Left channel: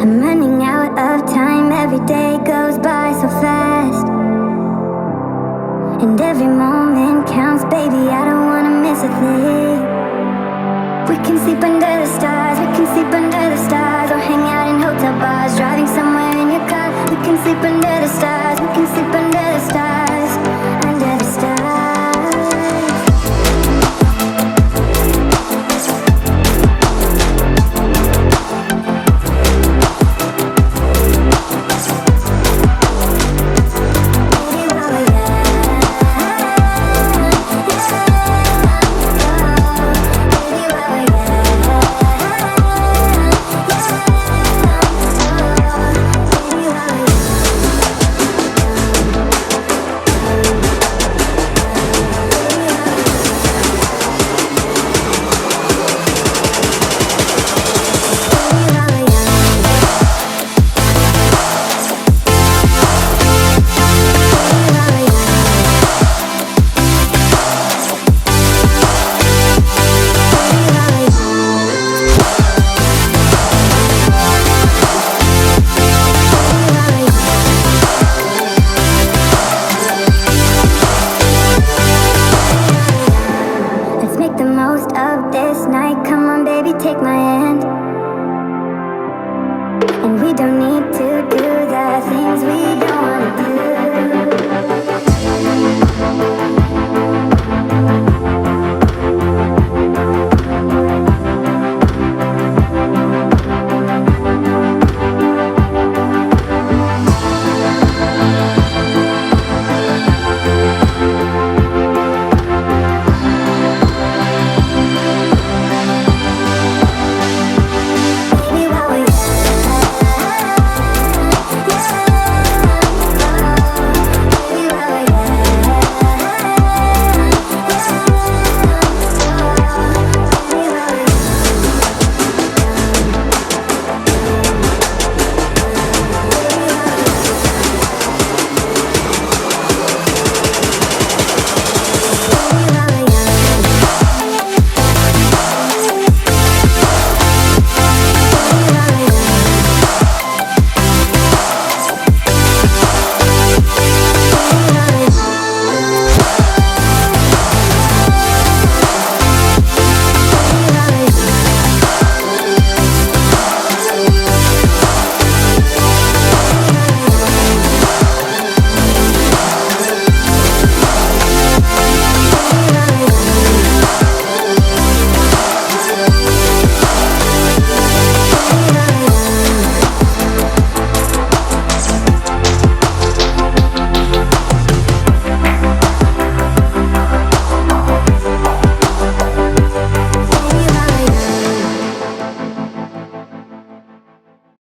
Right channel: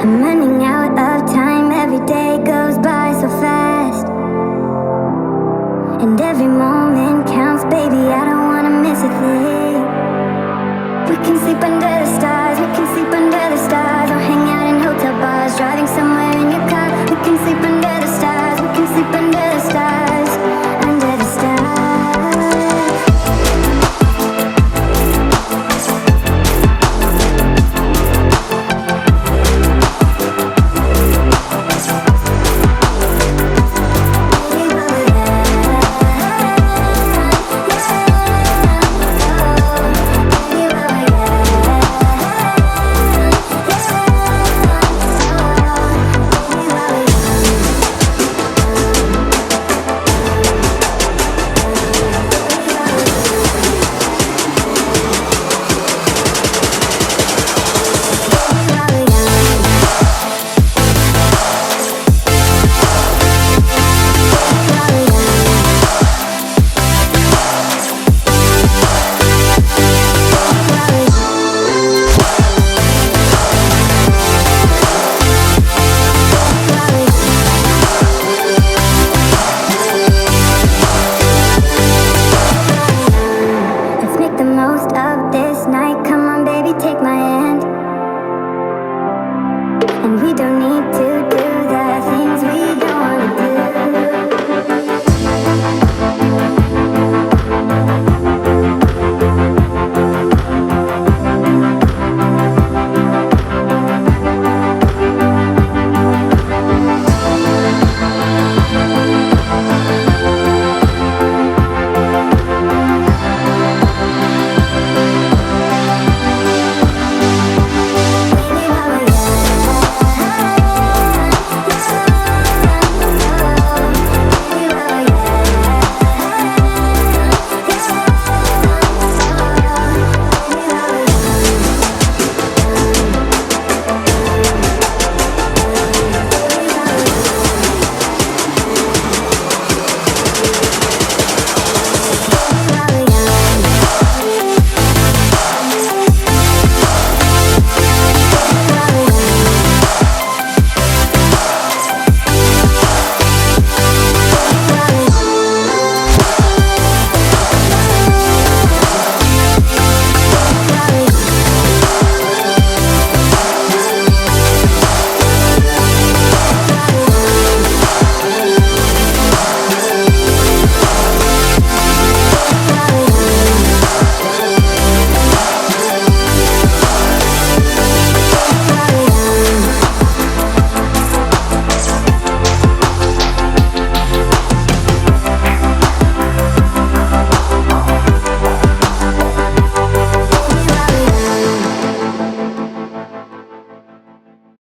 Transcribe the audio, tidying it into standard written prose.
I'm running out of time, every day goes by so fast. And every moment counts, baby, I don't wanna miss a thing. We can sleep under the stars, we can sleep under the stars, or hang out in hotel bars, driving somewhere in your car. We can sleep under the stars, we can sleep under the stars, under the stars. Make the most of this night. Come on, baby, take my hand. And we don't need to do the things we don't wanna do.